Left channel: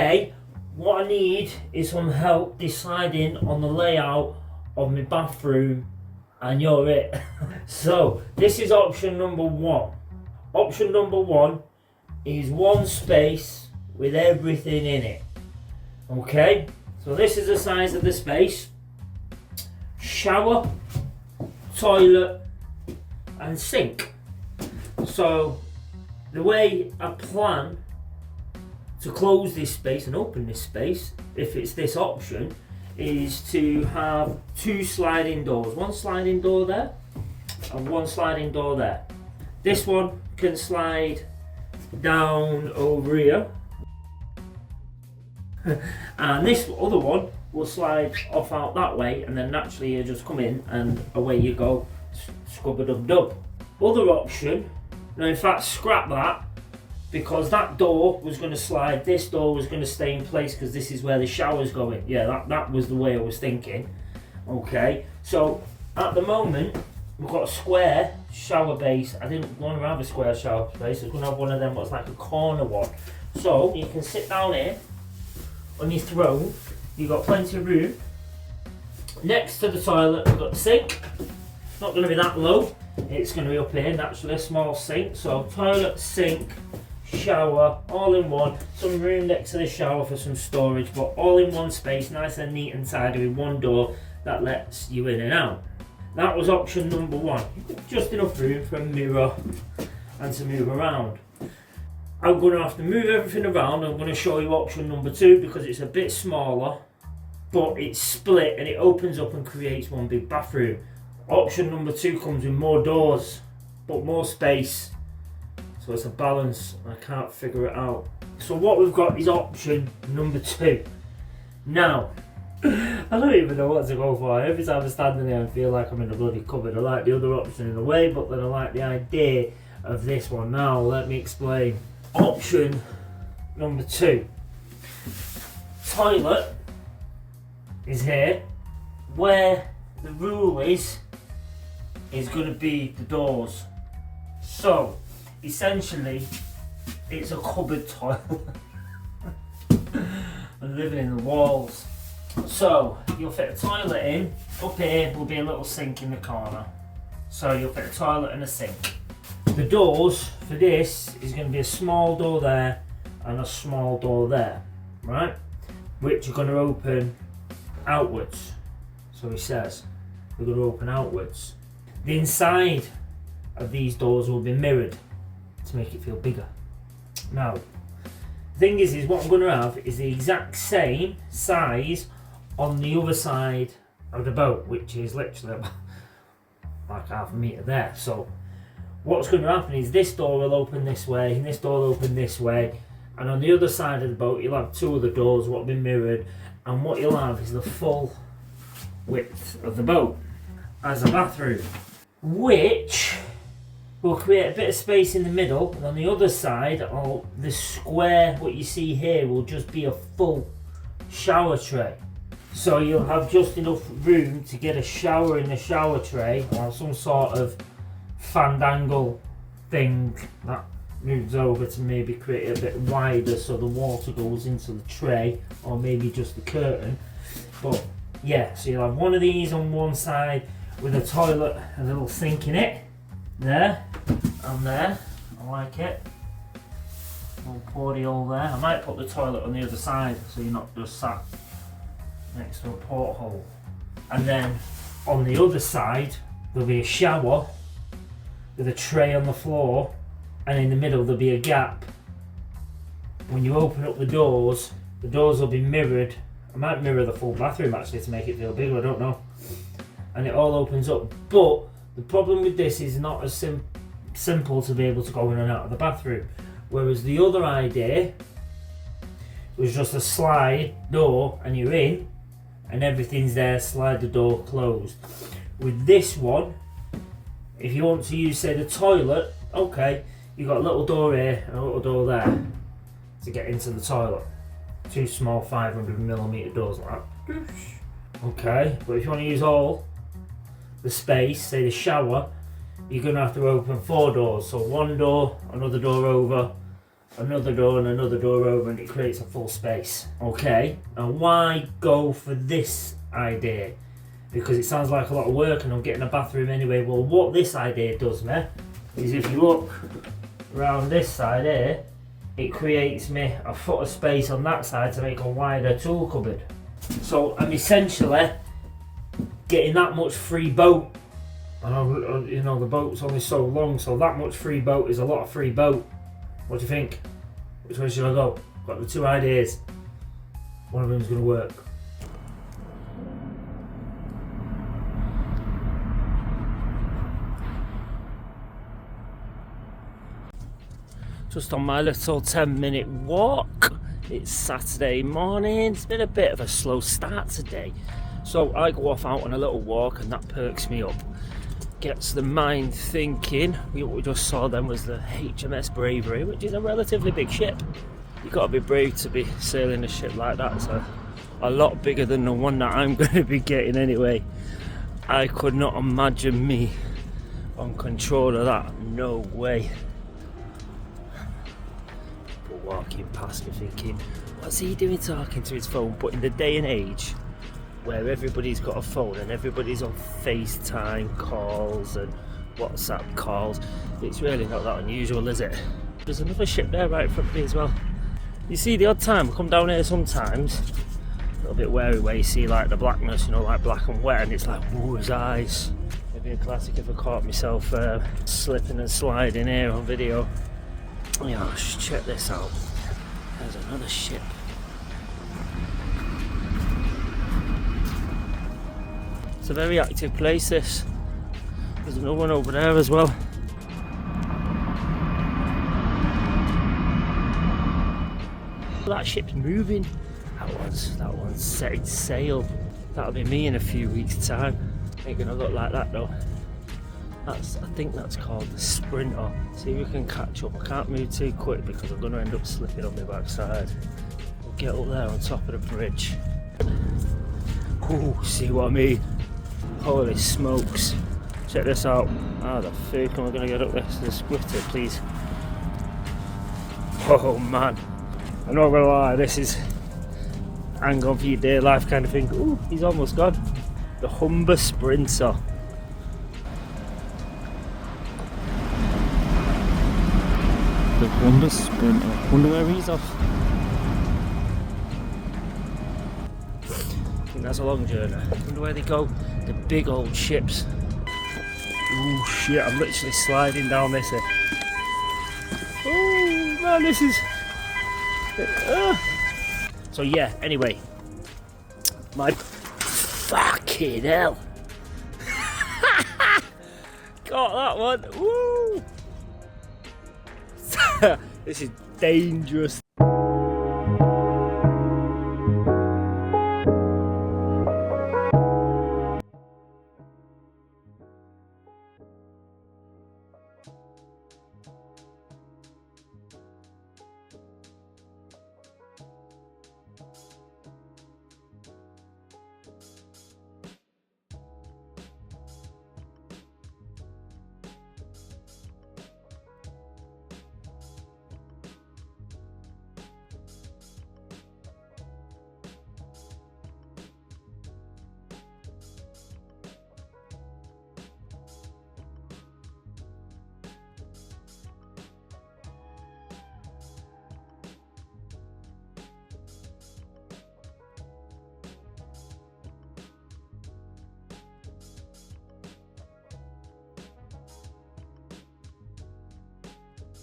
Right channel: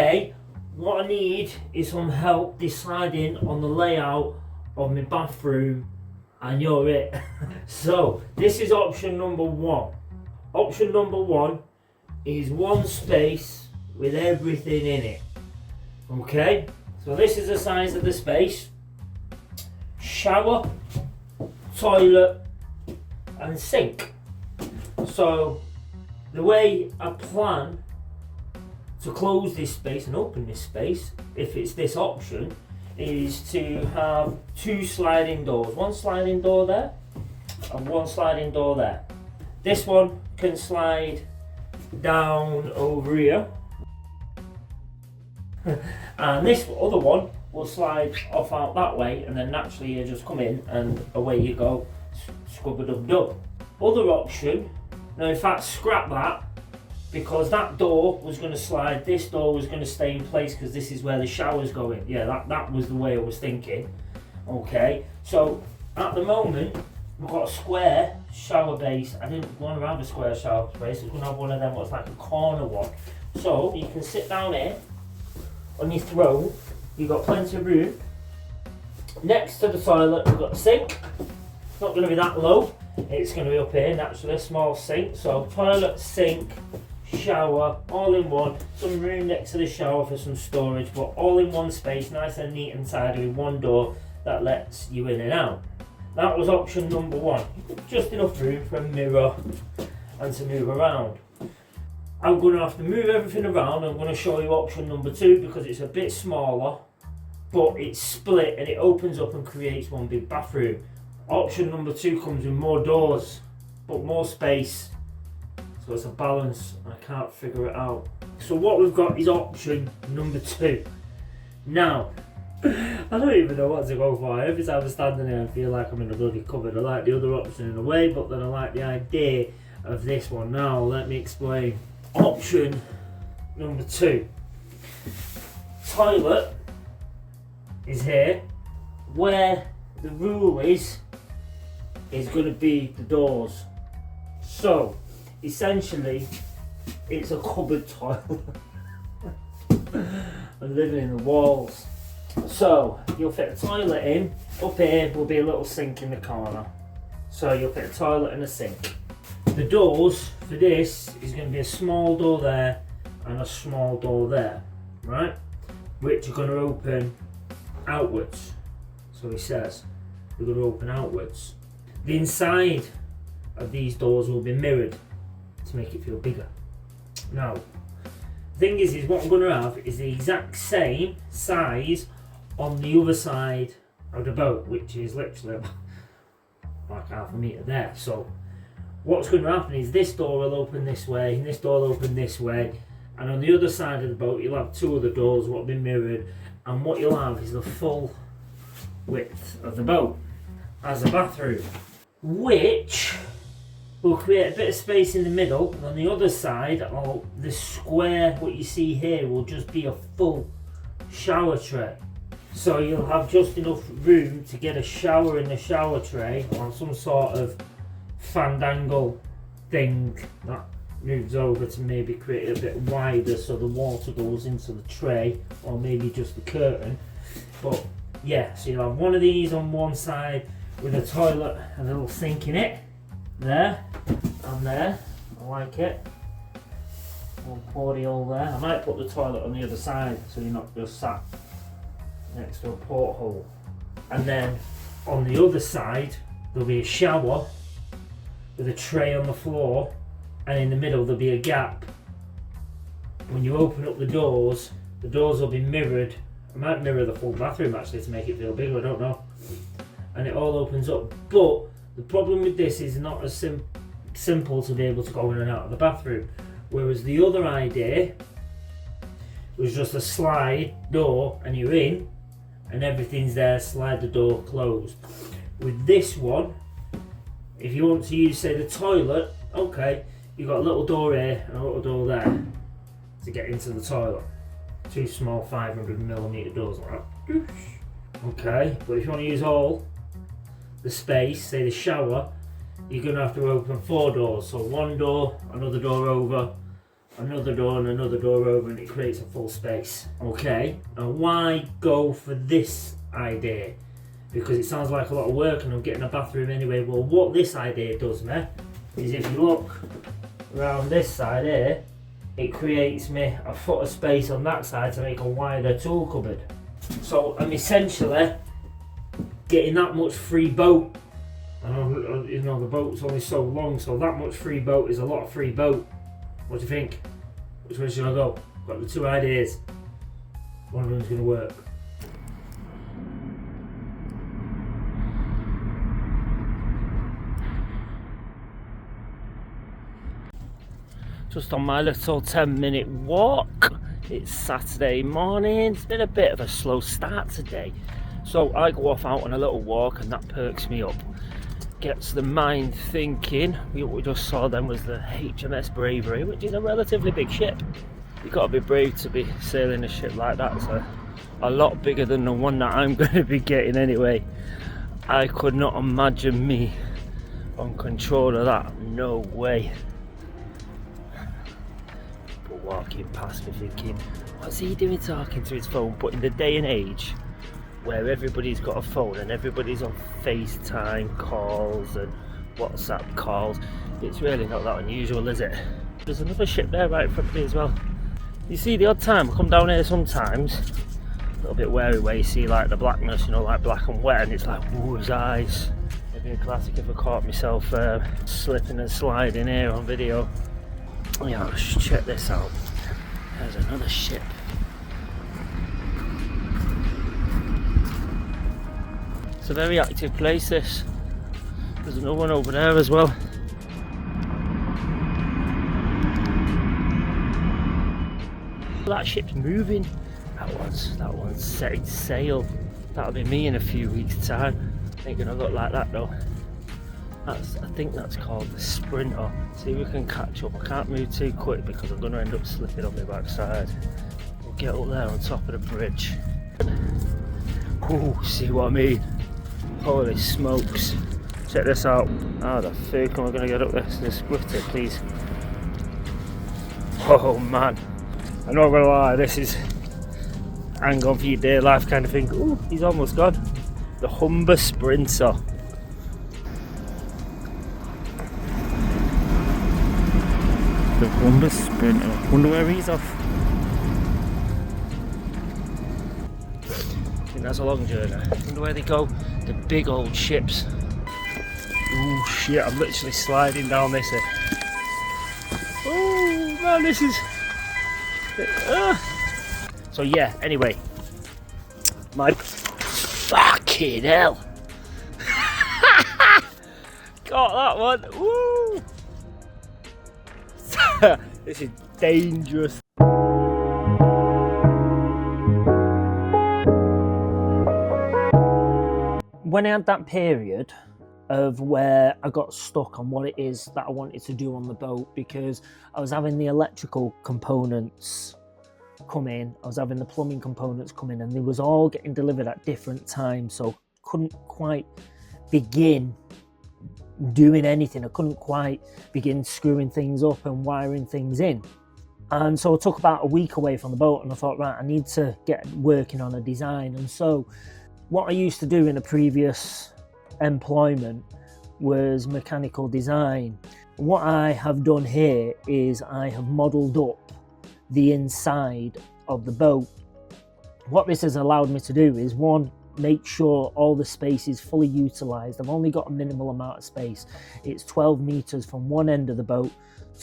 Okay, what I need is some help deciding on the layout of my bathroom, and you're it. So this is option number one. Option number one is one space with everything in it. Okay, so this is the size of the space: shower, toilet and sink. So the way I plan to close this space and open this space, if it's this option, is to have two sliding doors. One sliding door there and one sliding door there. This one can slide down over here and this other one will slide off out that way, and then naturally you just come in and away you go, scrub-a-dub-dub. Other option, now in fact scrap that, because that door was going to slide, this door was going to stay in place because this is where the shower's going. Yeah, that was the way I was thinking. Okay, so at the moment we've got a square shower base. I didn't want to have a square shower base, I was going to have one of them what's like a corner one. So you can sit down here on your throne, you've got plenty of room. Next to the toilet we've got the sink. It's not going to be that low, it's going to be up here naturally, a small sink. So toilet, sink, shower, all in one. Some room next to the shower for some storage, but all in one space, nice and neat and tidy, with one door that lets you in and out. That was option number one. Just enough room for a mirror and to move around. I'm going to have to move everything around. I'm going to show you option number two because it's a bit smaller, but it's split and it opens up and creates one big bathroom. Option number two comes with more doors, but more space. So it's a balance. I can't figure it out. So what we've got is option number two. Now, I don't even know what to go for. Every time I'm standing there I feel like I'm in a bloody cupboard. I like the other option in a way, but then I like the idea of this one. Now let me explain. Option number two. Toilet is here. Where the rule is going to be the doors. So essentially it's a cupboard toilet. I'm living in the walls. So you'll fit a toilet in. Up here will be a little sink in the corner. So you'll fit a toilet and a sink. The doors for this is going to be a small door there and a small door there, right? Which are going to open outwards. So he says we're going to open outwards. The inside of these doors will be mirrored to make it feel bigger. Now, the thing is what I'm going to have is the exact same size on the other side of the boat, which is literally like half a metre there. So what's going to happen is this door will open this way and this door will open this way, and on the other side of the boat you'll have two other doors what will be mirrored, and what you'll have is the full width of the boat as a bathroom, which will create a bit of space in the middle, and on the other side, the square what you see here will just be a full shower tray. So you'll have just enough room to get a shower in the shower tray, or some sort of fandangle thing that moves over to maybe create it a bit wider so the water goes into the tray, or maybe just the curtain. But yeah, so you'll have one of these on one side with a toilet and a little sink in it. There and there. I like it. Little porty hole there. I might put the toilet on the other side so you're not just sat next to a porthole. And then on the other side there'll be a shower with a tray on the floor, and in the middle there'll be a gap. When you open up the doors will be mirrored. I might mirror the full bathroom actually to make it feel bigger, I don't know. And it all opens up. But the problem with this is not as simple to be able to go in and out of the bathroom. Whereas the other idea was just a slide door and you're in and everything's there, slide the door closed. With this one, if you want to use say the toilet, okay, you've got a little door here and a little door there to get into the toilet. Two small 500mm doors like that. Okay, but if you want to use all the space, say the shower, you're going to have to open 4 doors. So one door, another door over, another door and another door over, and it creates a full space. Okay, and why go for this idea? Because it sounds like a lot of work and I'm getting a bathroom anyway. Well, what this idea does me is, if you look around this side here, it creates me a foot of space on that side to make a wider tool cupboard. So I'm essentially getting that much free boat. I know, you know, the boat's only so long, so that much free boat is a lot of free boat. What do you think? Which way should I go? Got the two ideas. One of them's going to work. Just on my little 10-minute walk. It's Saturday morning. It's been a bit of a slow start today. So I go off out on a little walk and that perks me up. Gets the mind thinking. What we just saw then was the HMS Bravery, which is a relatively big ship. You've got to be brave to be sailing a ship like that. So a lot bigger than the one that I'm going to be getting anyway. I could not imagine me on control of that. No way. Walking past and thinking, what's he doing talking to his phone? But in the day and age where everybody's got a phone and everybody's on FaceTime calls and WhatsApp calls, it's really not that unusual, is it? There's another ship there right in front of me as well. You see, the odd time I come down here sometimes, a little bit wary where you see like the blackness, you know, like black and wet, and it's like, ooh, his eyes. It'd be a classic if I caught myself slipping and sliding here on video. Yeah, let's check this out. There's another ship. It's a very active place, this. There's another one over there as well. That ship's moving. That one's setting sail. That'll be me in a few weeks' time. Ain't gonna look like that though. I think that's called the Sprinter. See if we can catch up. I can't move too quick because I'm going to end up slipping on my backside. We'll get up there on top of the bridge. Ooh, see what I mean? Holy smokes. Check this out. How the fuck am I going to get up this? Just squirt it, please. Oh man. I'm not going to lie, this is hang on for your dear life kind of thing. Ooh, he's almost gone. The Humber Sprinter. The Humber Sprinter. Wonder where he's off. I think that's a long journey. Wonder where they go. The big old ships. Ooh shit, I'm literally sliding down this here. Oh man, this is... So yeah, anyway. My... Fucking hell. Got that one. Woo! This is dangerous. When I had that period of where I got stuck on what it is that I wanted to do on the boat, because I was having the electrical components come in, I was having the plumbing components come in, and they was all getting delivered at different times, so couldn't quite begin doing anything. I couldn't quite begin screwing things up and wiring things in. And so I took about a week away from the boat and I thought, right, I need to get working on a design. And so what I used to do in a previous employment was mechanical design. What I have done here is I have modelled up the inside of the boat. What this has allowed me to do is, one, make sure all the space is fully utilised. I've only got a minimal amount of space. It's 12 metres from one end of the boat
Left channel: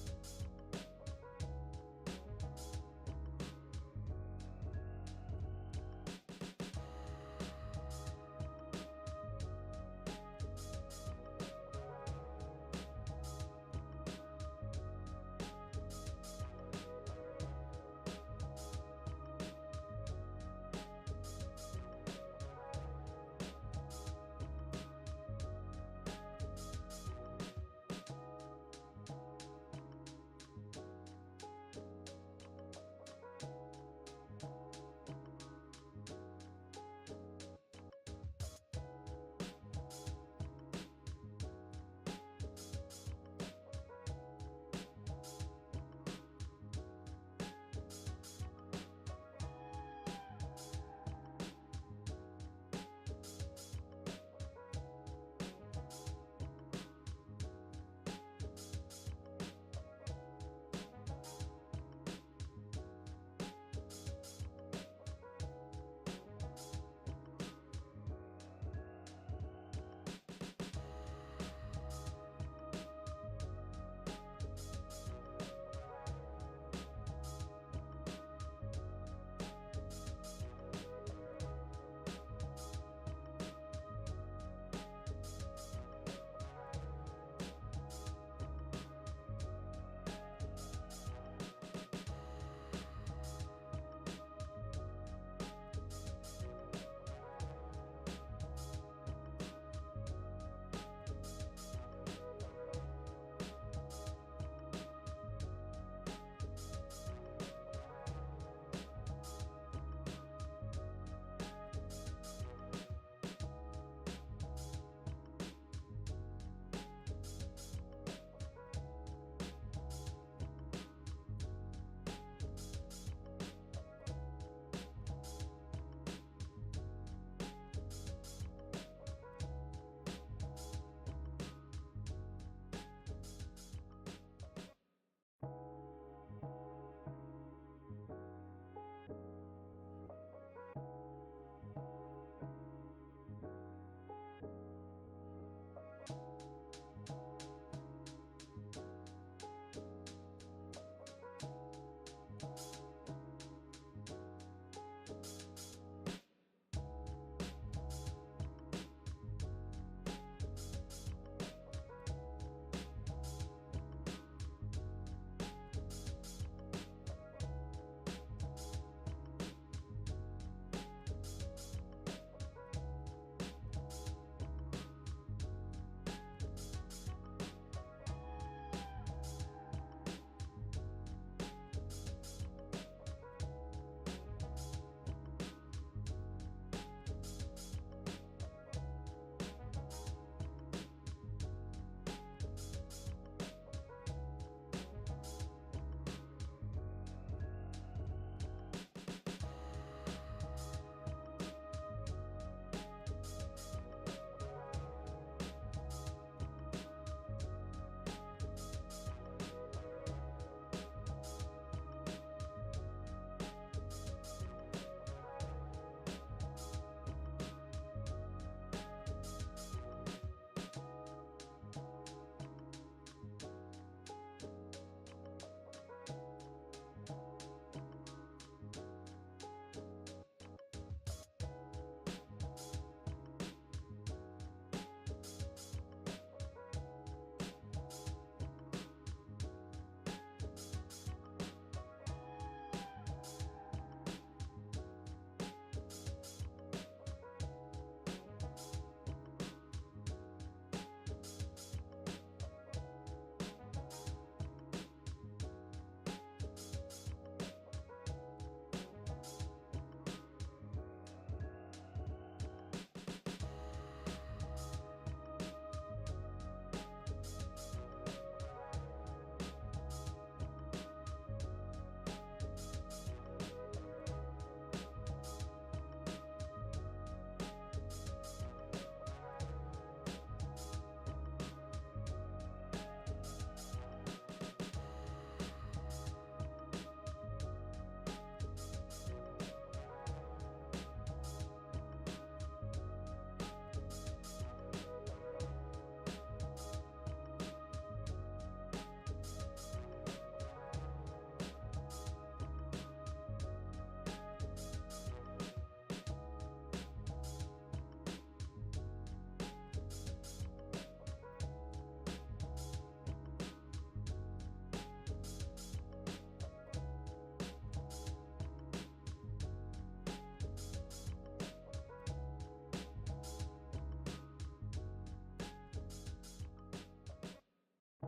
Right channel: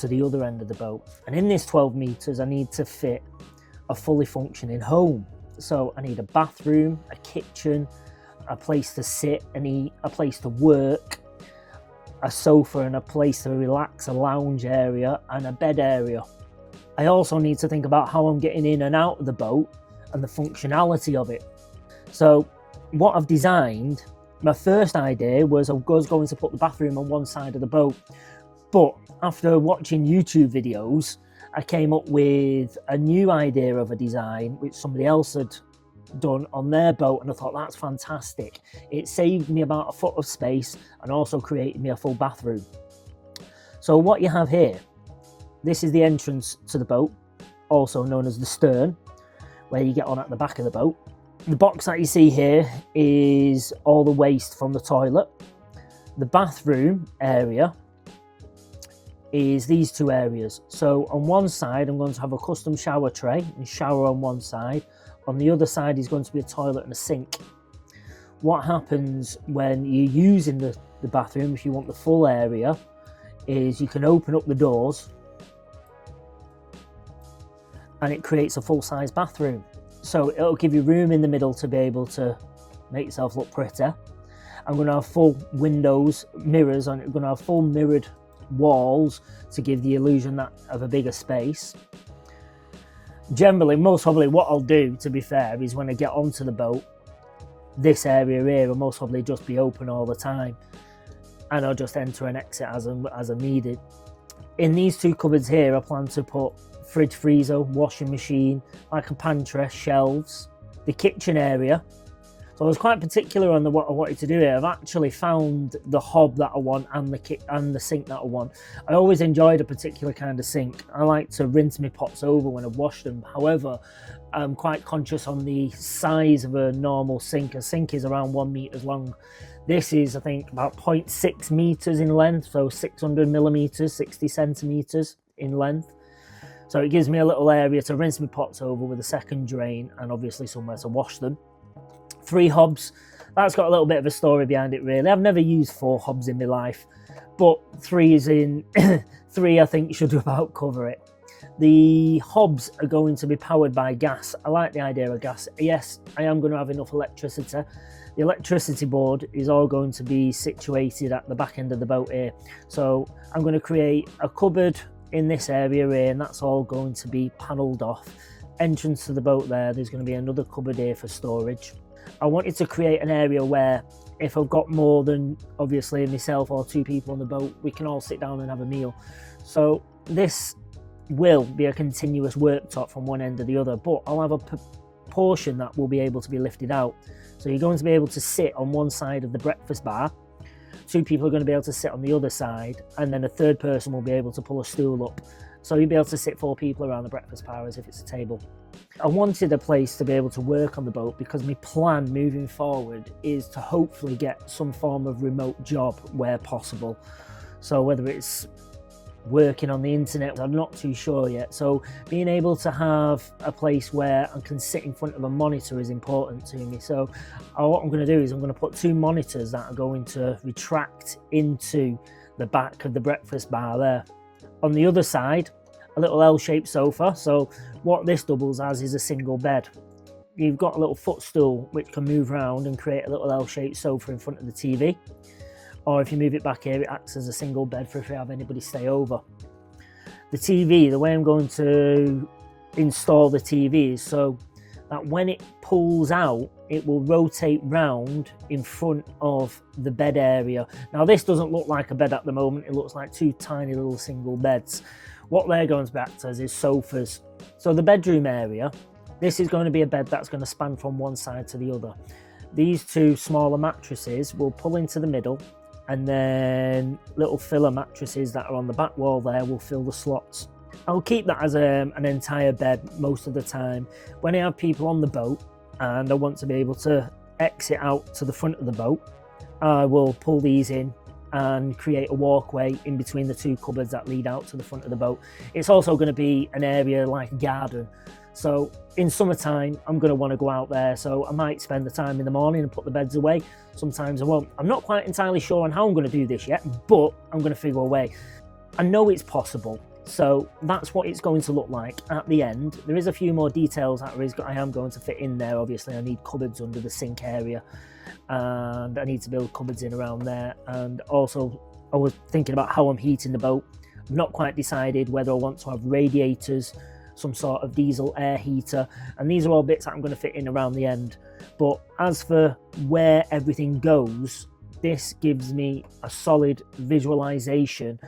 to the other end of the boat. And in this 12 metres, I need to fit a fully functioning home. So I need a bathroom, a kitchen, a place to sit and eat, a place to work, a sofa and a place to relax, a lounge area and a bed area. I also need to think about how I'm getting in and out of the boat and the functionality of it. So what I've designed, my first idea was I was going to put the bathroom on one side of the boat, but after watching YouTube videos, I came up with a new idea of a design which somebody else had done on their boat, and I thought that's fantastic. It saved me about a foot of space and also created me a full bathroom. So what you have here, This is the entrance to the boat, also known as the stern, where you get on at the back of the boat. The box that you see here is all the waste from the toilet. The bathroom area is these two areas. So on one side, I'm going to have a custom shower tray and shower on one side. On the other side is going to be a toilet and a sink. What happens when you're using the bathroom, if you want the full area, is you can open up the doors and it creates a full-size bathroom. So it'll give you room in the middle to be able to make yourself look pretty. I'm going to have full windows, mirrors, and I'm going to have full mirrored walls to give the illusion that of a bigger space. Generally, most probably what I'll do, to be fair, is when I get onto the boat, this area here will most probably just be open all the time, and I'll just enter and exit as I'm needed. In these two cupboards here, I plan to put fridge, freezer, washing machine, like a pantry, shelves, the kitchen area. So I was quite particular on what I wanted to do here. I've actually found the hob that I want and the sink that I want. I always enjoyed a particular kind of sink. I like to rinse my pots over when I've washed them. However, I'm quite conscious on the size of a normal sink. A sink is around 1 meter long. This is, I think, about 0.6 meters in length, so 600 millimeters, 60 centimeters in length. So it gives me a little area to rinse my pots over with a second drain and obviously somewhere to wash them. 3 hobs. That's got a little bit of a story behind it, really. I've never used 4 hobs in my life, but 3 is in 3 I think should about cover it. The hobs are going to be powered by gas. I like the idea of gas. Yes, I am going to have enough electricity. The electricity board is all going to be situated at the back end of the boat here. So I'm going to create a cupboard in this area here, and that's all going to be panelled off. Entrance to the boat there's going to be another cupboard here for storage. I wanted to create an area where if I've got more than obviously myself or 2 people on the boat, we can all sit down and have a meal. So this will be a continuous worktop from one end to the other, but I'll have a portion that will be able to be lifted out. So you're going to be able to sit on one side of the breakfast bar, 2 people are going to be able to sit on the other side, and then a 3rd person will be able to pull a stool up. So you'll be able to sit 4 people around the breakfast bar as if it's a table. I wanted a place to be able to work on the boat because my plan moving forward is to hopefully get some form of remote job where possible. So whether it's working on the internet, I'm not too sure yet. So being able to have a place where I can sit in front of a monitor is important to me. So what I'm going to do is I'm going to put 2 monitors that are going to retract into the back of the breakfast bar there. On the other side, a little L-shaped sofa. So what this doubles as is a single bed. You've got a little footstool which can move around and create a little L-shaped sofa in front of the TV. Or if you move it back here, it acts as a single bed for if you have anybody stay over. The TV, the way I'm going to install the TV is so that when it pulls out, it will rotate round in front of the bed area. Now this doesn't look like a bed at the moment, it looks like 2 tiny little single beds. What they're going to be act as is sofas. So the bedroom area, this is going to be a bed that's going to span from one side to the other. These 2 smaller mattresses will pull into the middle, and then little filler mattresses that are on the back wall there will fill the slots. I'll keep that as an entire bed most of the time. When I have people on the boat and I want to be able to exit out to the front of the boat, I will pull these in and create a walkway in between the 2 cupboards that lead out to the front of the boat. It's also going to be an area like a garden. So in summertime, I'm going to want to go out there. So I might spend the time in the morning and put the beds away. Sometimes I won't. I'm not quite entirely sure on how I'm going to do this yet, but I'm going to figure a way. I know it's possible. So that's what it's going to look like at the end. There is a few more details that I am going to fit in there. Obviously, I need cupboards under the sink area, and I need to build cupboards in around there. And also, I was thinking about how I'm heating the boat. I've not quite decided whether I want to have radiators, some sort of diesel air heater, and these are all bits that I'm going to fit in around the end. But as for where everything goes, this gives me a solid visualization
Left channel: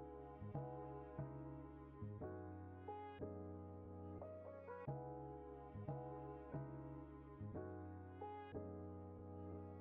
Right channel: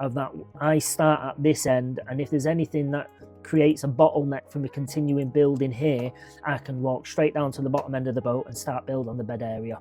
of that. I start at this end, and if there's anything that creates a bottleneck for me continuing building here, I can walk straight down to the bottom end of the boat and start building on the bed area.